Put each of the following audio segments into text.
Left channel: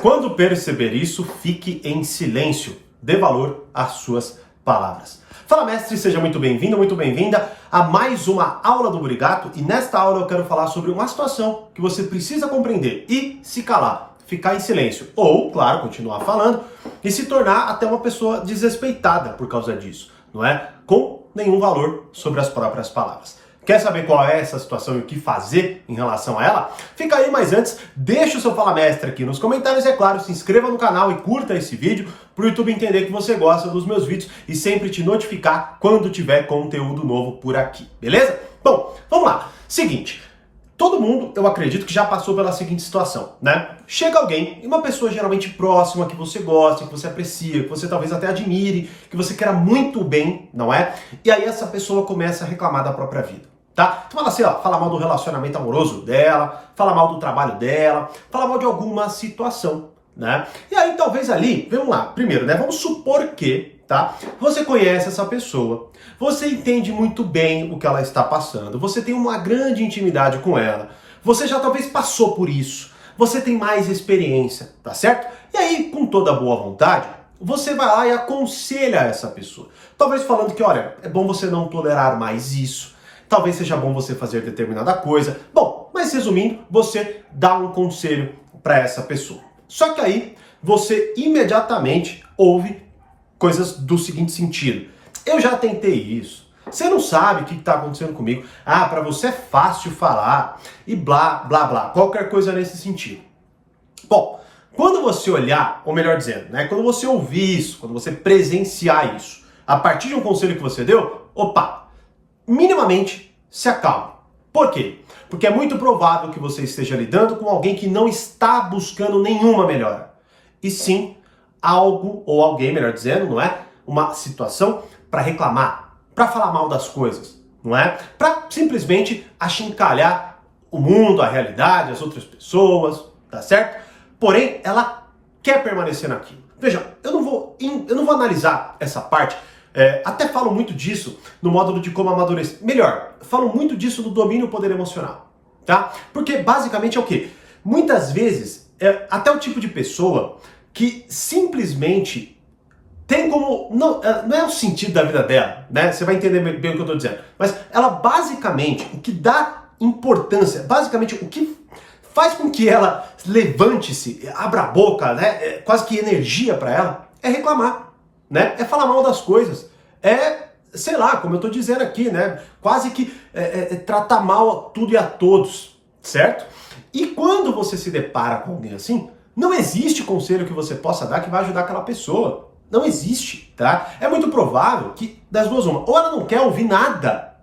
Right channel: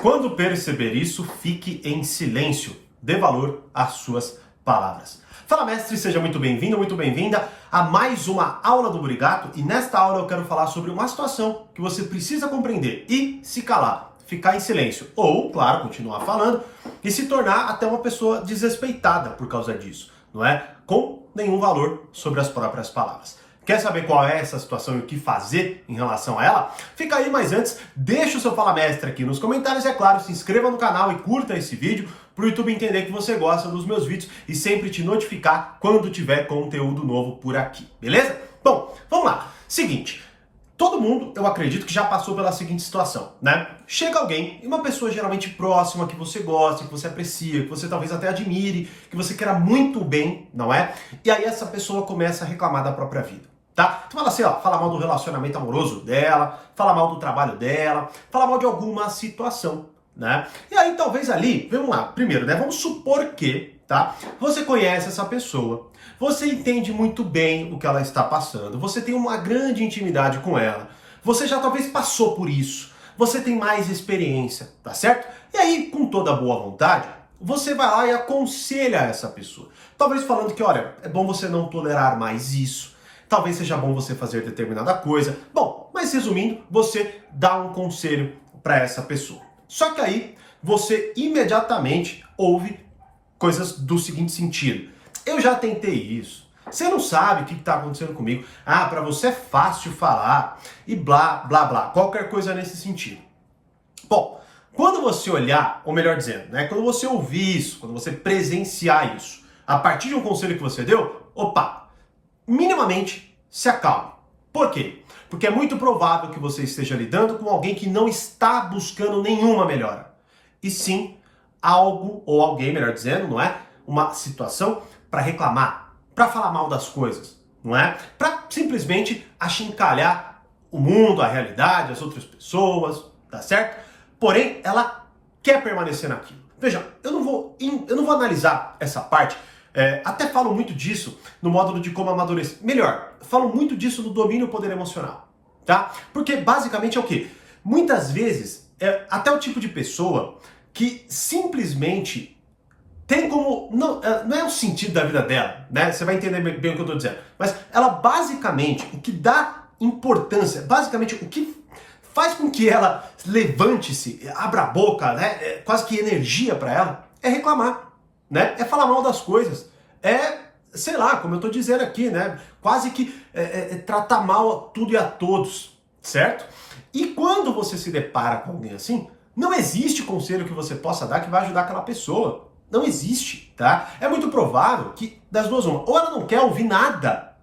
Quando perceber isso, fique em silêncio. Dê valor às suas palavras. Fala, mestre, seja muito bem-vindo, muito bem-vinda a mais uma aula do Burigato. E nesta aula eu quero falar sobre uma situação que você precisa compreender e se calar, ficar em silêncio. Ou, claro, continuar falando e se tornar até uma pessoa desrespeitada por causa disso, não é? Com nenhum valor sobre as próprias palavras. Quer saber qual é essa situação e o que fazer em relação a ela? Fica aí, mas antes, deixa o seu Fala Mestre aqui nos comentários, é claro, se inscreva no canal e curta esse vídeo para o YouTube entender que você gosta dos meus vídeos e sempre te notificar quando tiver conteúdo novo por aqui, beleza? Bom, vamos lá. Seguinte, todo mundo, eu acredito que já passou pela seguinte situação, né? Chega alguém, uma pessoa geralmente próxima, que você gosta, que você aprecia, que você talvez até admire, que você queira muito bem, não é? E aí essa pessoa começa a reclamar da própria vida. Tá? Então fala assim, ó, fala mal do relacionamento amoroso dela, fala mal do trabalho dela, fala mal de alguma situação, né? E aí talvez ali, vamos lá, primeiro, né? Vamos supor que, tá? Você conhece essa pessoa, você entende muito bem o que ela está passando, você tem uma grande intimidade com ela, você já talvez passou por isso, você tem mais experiência, tá certo? E aí, com toda boa vontade, você vai lá e aconselha essa pessoa. Talvez falando que, olha, é bom você não tolerar mais isso. Talvez seja bom você fazer determinada coisa. Bom, mas resumindo, você dá um conselho para essa pessoa. Só que aí, você imediatamente ouve coisas do seguinte sentido. Eu já tentei isso. Você não sabe o que está acontecendo comigo. Ah, para você é fácil falar. E blá, blá, blá. Qualquer coisa nesse sentido. Bom, quando você olhar, ou melhor dizendo, né, quando você ouvir isso, quando você presenciar isso, a partir de um conselho que você deu, opa, minimamente se acalme. Por quê? Porque é muito provável que você esteja lidando com alguém que não está buscando nenhuma melhora. E sim, algo ou alguém, melhor dizendo, não é? Uma situação para reclamar, para falar mal das coisas, não é? Para simplesmente achincalhar o mundo, a realidade, as outras pessoas, tá certo? Porém, ela quer permanecer naquilo. Veja, eu não vou analisar essa parte. Até falo muito disso no módulo de como amadurecer. Melhor, falo muito disso no domínio do poder emocional, tá? Porque basicamente é o quê? Muitas vezes, até o tipo de pessoa que simplesmente tem como... Não é o sentido da vida dela, né? Você vai entender bem o que eu tô dizendo. Mas ela basicamente, o que dá importância, basicamente o que faz com que ela levante-se, abra a boca, né? Quase que energia para ela, é reclamar. Né? É falar mal das coisas, sei lá, como eu tô dizendo aqui, né? Quase que tratar mal a tudo e a todos, certo? E quando você se depara com alguém assim, não existe conselho que você possa dar que vai ajudar aquela pessoa. Não existe, tá? É muito provável que das duas uma, ou ela não quer ouvir nada,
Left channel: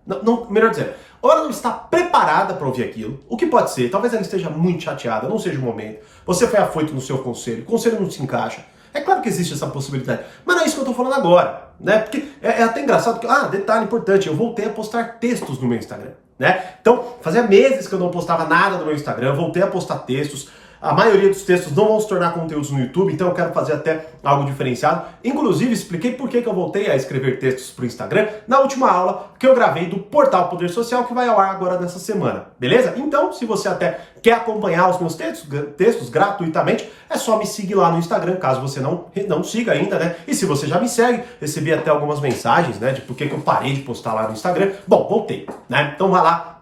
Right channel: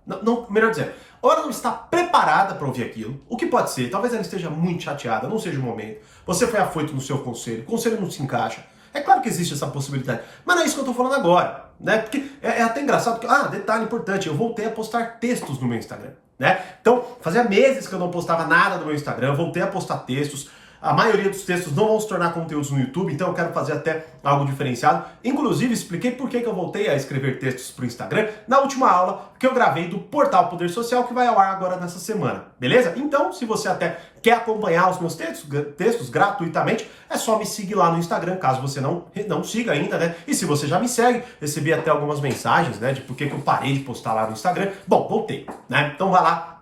melhor dizendo, ou ela não está preparada para ouvir aquilo, o que pode ser, talvez ela esteja muito chateada, não seja o momento, você foi afoito no seu conselho, o conselho não se encaixa. É claro que existe essa possibilidade, mas não é isso que eu tô falando agora, né? Porque é até engraçado que, detalhe importante, eu voltei a postar textos no meu Instagram, né? Então, fazia meses que eu não postava nada no meu Instagram, voltei a postar textos. A maioria dos textos não vão se tornar conteúdos no YouTube, então eu quero fazer até algo diferenciado. Inclusive, expliquei por que eu voltei a escrever textos para o Instagram na última aula que eu gravei do Portal Poder Social, que vai ao ar agora nessa semana, beleza? Então, se você até quer acompanhar os meus textos gratuitamente, é só me seguir lá no Instagram, caso você não siga ainda, né? E se você já me segue, recebi até algumas mensagens, né, de por que eu parei de postar lá no Instagram. Bom, voltei, né? Então vai lá.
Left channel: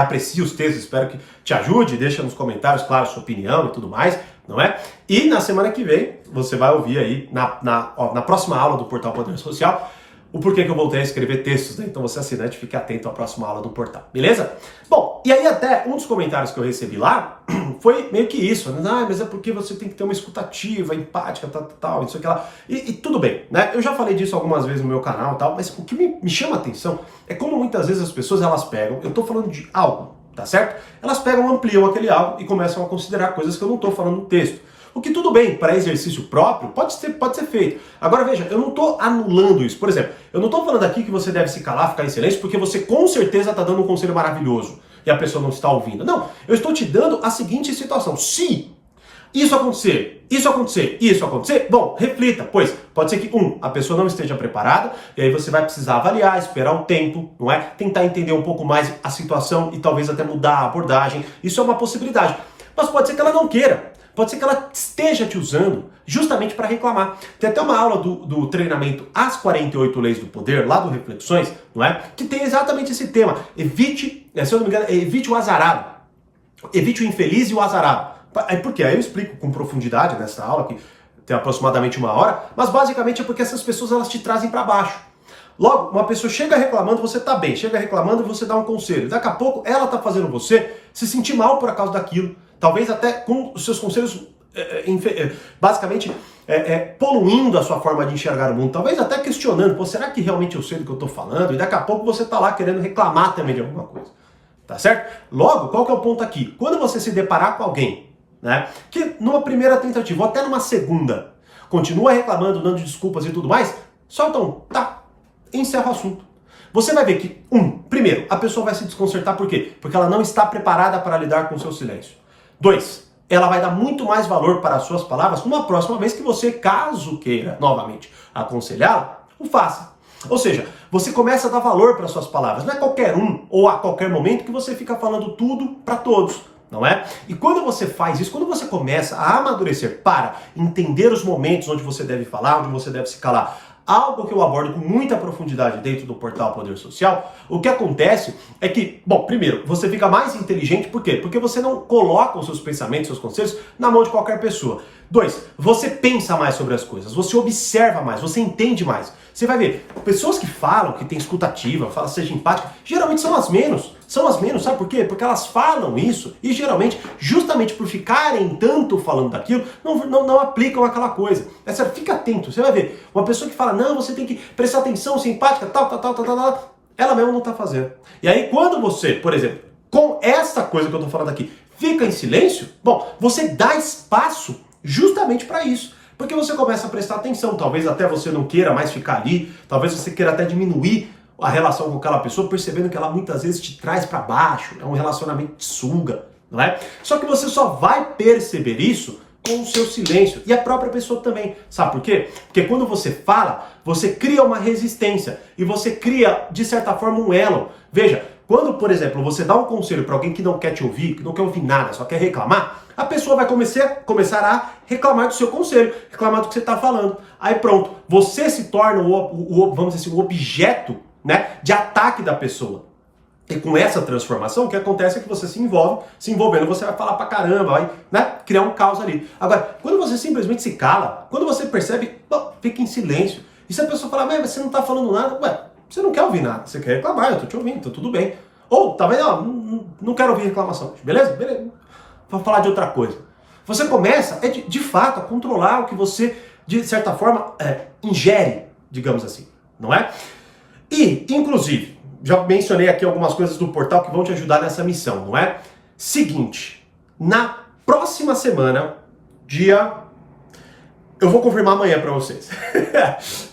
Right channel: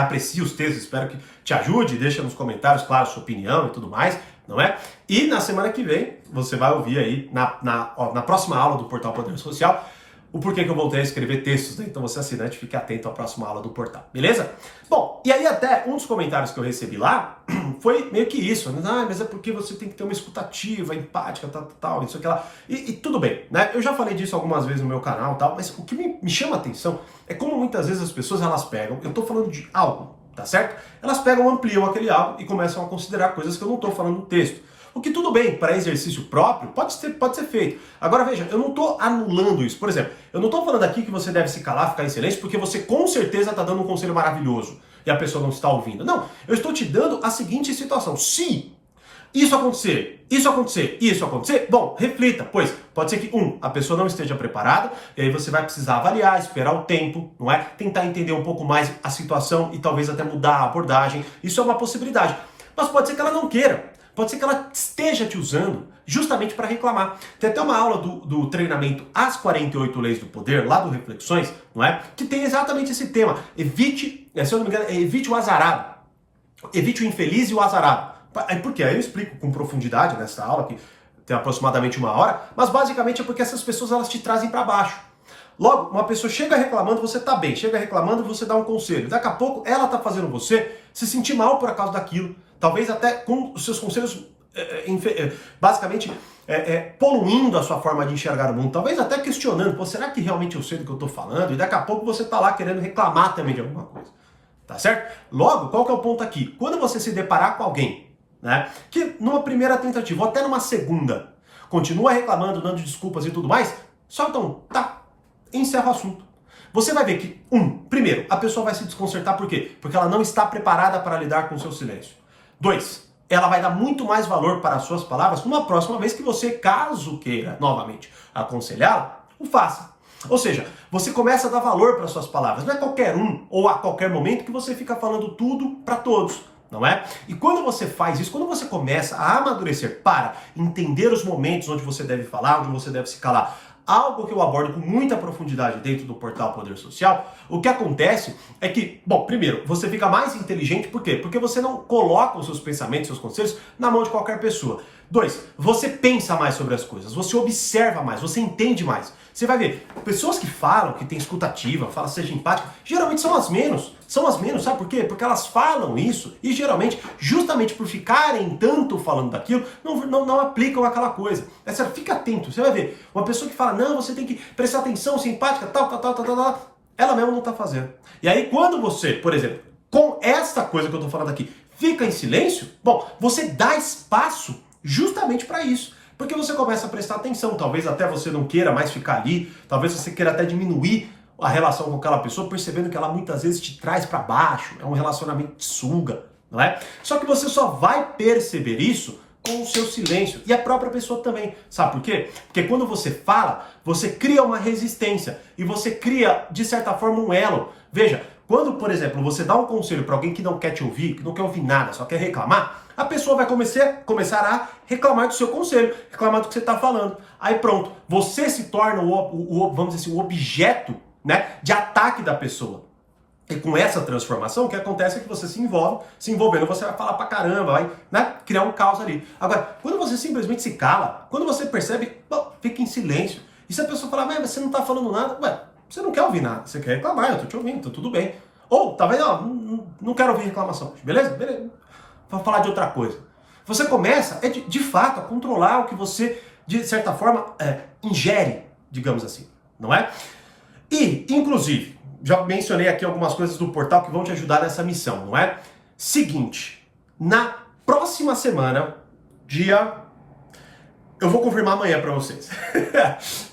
Aprecie os textos, espero que te ajude, deixa nos comentários, claro, sua opinião e tudo mais, não é? E na semana que vem, você vai ouvir aí, na próxima aula do Portal Poder Social, o porquê que eu voltei a escrever textos, né? Então você assinante, fique atento à próxima aula do portal, beleza? Bom, e aí até um dos comentários que eu recebi lá foi meio que isso, né? Mas é porque você tem que ter uma escutativa, empática, tal, isso aqui lá. E tudo bem, né? Eu já falei disso algumas vezes no meu canal e tal, mas o que me chama a atenção é como muitas vezes as pessoas, elas pegam, eu tô falando de algo, tá certo? Elas pegam, ampliam aquele algo e começam a considerar coisas que eu não tô falando no texto. O que tudo bem, para exercício próprio, pode ser feito. Agora veja, eu não estou anulando isso. Por exemplo, eu não estou falando aqui que você deve se calar, ficar em silêncio, porque você com certeza está dando um conselho maravilhoso e a pessoa não está ouvindo. Não, eu estou te dando a seguinte situação. Se isso acontecer, bom, reflita, pois pode ser que, a pessoa não esteja preparada, e aí você vai precisar avaliar, esperar um tempo, não é? Tentar entender um pouco mais a situação e talvez até mudar a abordagem. Isso é uma possibilidade. Mas pode ser que ela não queira. Pode ser que ela esteja te usando justamente para reclamar. Tem até uma aula do treinamento As 48 Leis do Poder, lá do Reflexões, não é? Que tem exatamente esse tema. Evite, se eu não me engano, evite o azarado. Evite o infeliz e o azarado. Por quê? Aí eu explico com profundidade nessa aula, que tem aproximadamente 1 hora, mas basicamente é porque essas pessoas elas te trazem para baixo. Logo, uma pessoa chega reclamando, você tá bem, chega reclamando e você dá um conselho. Daqui a pouco ela tá fazendo você se sentir mal por causa daquilo. Talvez até com os seus conselhos, basicamente, poluindo a sua forma de enxergar o mundo. Talvez até questionando, pô, será que realmente eu sei do que eu tô falando? E daqui a pouco você tá lá querendo reclamar também de alguma coisa. Tá certo? Logo, qual que é o ponto aqui? Quando você se deparar com alguém, né, que numa primeira tentativa, ou até numa segunda, continua reclamando, dando desculpas e tudo mais, solta tá, encerra o assunto. Você vai ver que, primeiro, a pessoa vai se desconcertar, por quê? Porque ela não está preparada para lidar com o seu silêncio. 2, ela vai dar muito mais valor para as suas palavras numa próxima vez que você, caso queira, novamente, aconselhá-la, o faça. Ou seja, você começa a dar valor para suas palavras. Não é qualquer ou a qualquer momento que você fica falando tudo para todos, não é? E quando você faz isso, quando você começa a amadurecer para entender os momentos onde você deve falar, onde você deve se calar, algo que eu abordo com muita profundidade dentro do portal Poder Social, o que acontece é que, primeiro, você fica mais inteligente, por quê? Porque você não coloca os seus pensamentos, seus conselhos na mão de qualquer pessoa. 2, você pensa mais sobre as coisas, você observa mais, você entende mais. Você vai ver, pessoas que falam, que têm escutativa, falam seja empática, geralmente são as menos, sabe por quê? Porque elas falam isso e geralmente, justamente por ficarem tanto falando daquilo, não aplicam aquela coisa. É sério, fica atento, você vai ver, uma pessoa que fala, não, você tem que prestar atenção, ser empática, tal, ela mesmo não tá fazendo. E aí quando você, por exemplo, com essa coisa que eu tô falando aqui, fica em silêncio, você dá espaço justamente para isso. Porque você começa a prestar atenção, talvez até você não queira mais ficar ali, talvez você queira até diminuir a relação com aquela pessoa, percebendo que ela muitas vezes te traz para baixo, é um relacionamento que suga, não é? Só que você só vai perceber isso com o seu silêncio, e a própria pessoa também. Sabe por quê? Porque quando você fala, você cria uma resistência, e você cria, de certa forma, um elo. Veja, quando, por exemplo, você dá um conselho para alguém que não quer te ouvir, que não quer ouvir nada, só quer reclamar, a pessoa vai começar a reclamar do seu conselho, reclamar do que você está falando. Aí pronto, você se torna vamos dizer assim, o objeto, né, de ataque da pessoa. E com essa transformação, o que acontece é que você se envolvendo, você vai falar pra caramba, vai, né, criar um caos ali. Agora, quando você simplesmente se cala, quando você percebe, fica em silêncio. E se a pessoa falar, mas você não tá falando nada, você não quer ouvir nada, você quer reclamar, eu tô te ouvindo, tá tudo bem. Ou, talvez, não quero ouvir reclamação, beleza? Vou falar de outra coisa. Você começa, de fato, a controlar o que você, de certa forma, ingere, digamos assim, não é? E, inclusive, já mencionei aqui algumas coisas do portal que vão te ajudar nessa missão, não é? Seguinte, na próxima semana, eu vou confirmar amanhã para vocês,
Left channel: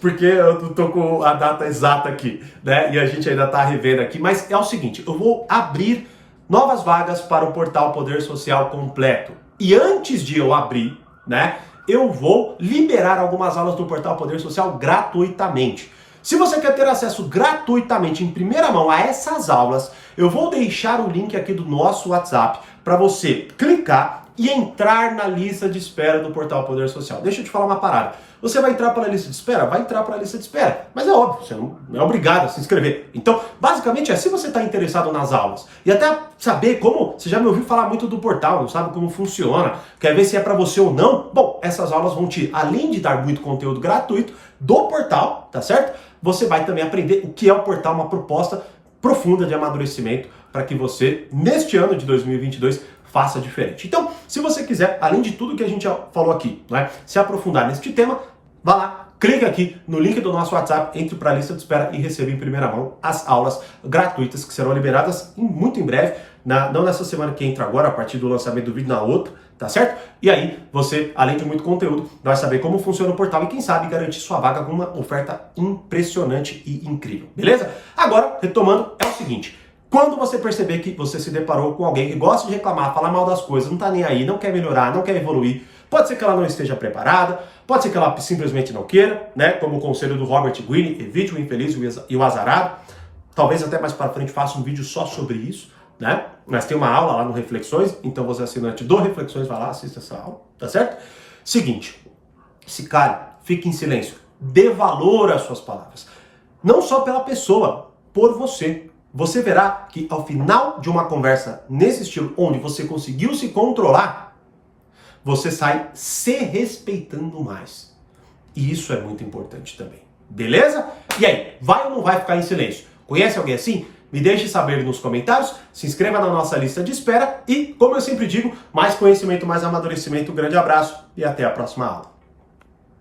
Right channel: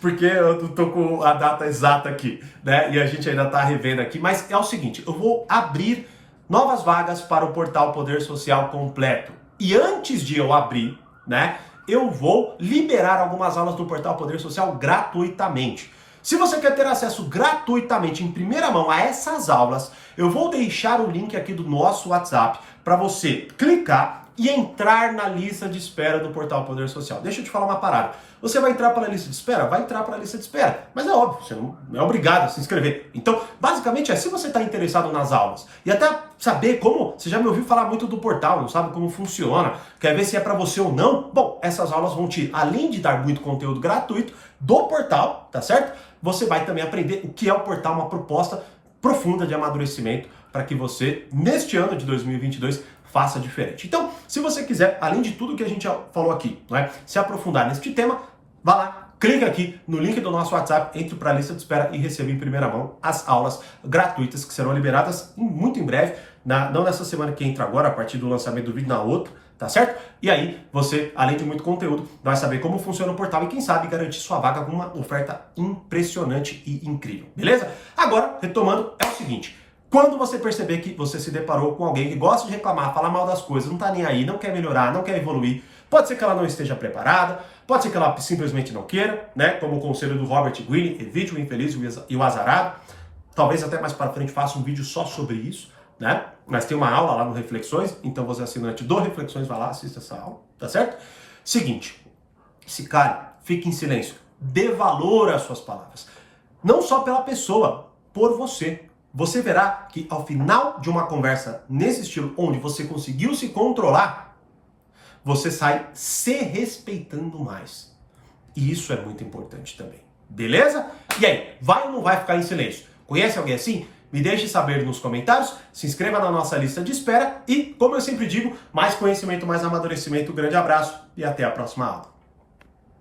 porque eu tô com a data exata aqui, né? E a gente ainda tá revendo aqui, mas é o seguinte, eu vou abrir novas vagas para o portal Poder Social completo. E antes de eu abrir, né, eu vou liberar algumas aulas do portal Poder Social gratuitamente. Se você quer ter acesso gratuitamente, em primeira mão, a essas aulas, eu vou deixar o link aqui do nosso WhatsApp para você clicar e entrar na lista de espera do portal Poder Social. Deixa eu te falar uma parada. Você vai entrar para a lista de espera? Vai entrar para a lista de espera. Mas é óbvio, você não é obrigado a se inscrever. Então, basicamente, se você está interessado nas aulas e até saber como, você já me ouviu falar muito do portal, não sabe como funciona, quer ver se é para você ou não, essas aulas vão te, além de dar muito conteúdo gratuito do portal, tá certo? Você vai também aprender o que é o portal, uma proposta profunda de amadurecimento para que você, neste ano de 2022, faça diferente. Então, se você quiser, além de tudo que a gente já falou aqui, não é, se aprofundar neste tema, vá lá, clica aqui no link do nosso WhatsApp, entre para a lista de espera e receba em primeira mão as aulas gratuitas que serão liberadas muito em breve, não nessa semana que entra agora, a partir do lançamento do vídeo, na outra, tá certo? E aí, você, além de muito conteúdo, vai saber como funciona o portal e quem sabe garantir sua vaga com uma oferta impressionante e incrível, beleza? Agora, retomando, é o seguinte, quando você perceber que você se deparou com alguém que gosta de reclamar, falar mal das coisas, não tá nem aí, não quer melhorar, não quer evoluir, pode ser que ela não esteja preparada, pode ser que ela simplesmente não queira, né? Como o conselho do Robert Greene, evite o infeliz e o azarado. Talvez até mais para frente faça um vídeo só sobre isso, né? mas tem uma aula lá no Reflexões, então você assinante do Reflexões, vai lá, assista essa aula, tá certo? Seguinte, se cale, fique em silêncio, dê valor às suas palavras. Não só pela pessoa, por você. Você verá que ao final de uma conversa nesse estilo, onde você conseguiu se controlar, você sai se respeitando mais. E isso é muito importante também. Beleza? E aí, vai ou não vai ficar em silêncio? Conhece alguém assim? Me deixe saber nos comentários, se inscreva na nossa lista de espera e, como eu sempre digo, mais conhecimento, mais amadurecimento. Um grande abraço e até a próxima aula.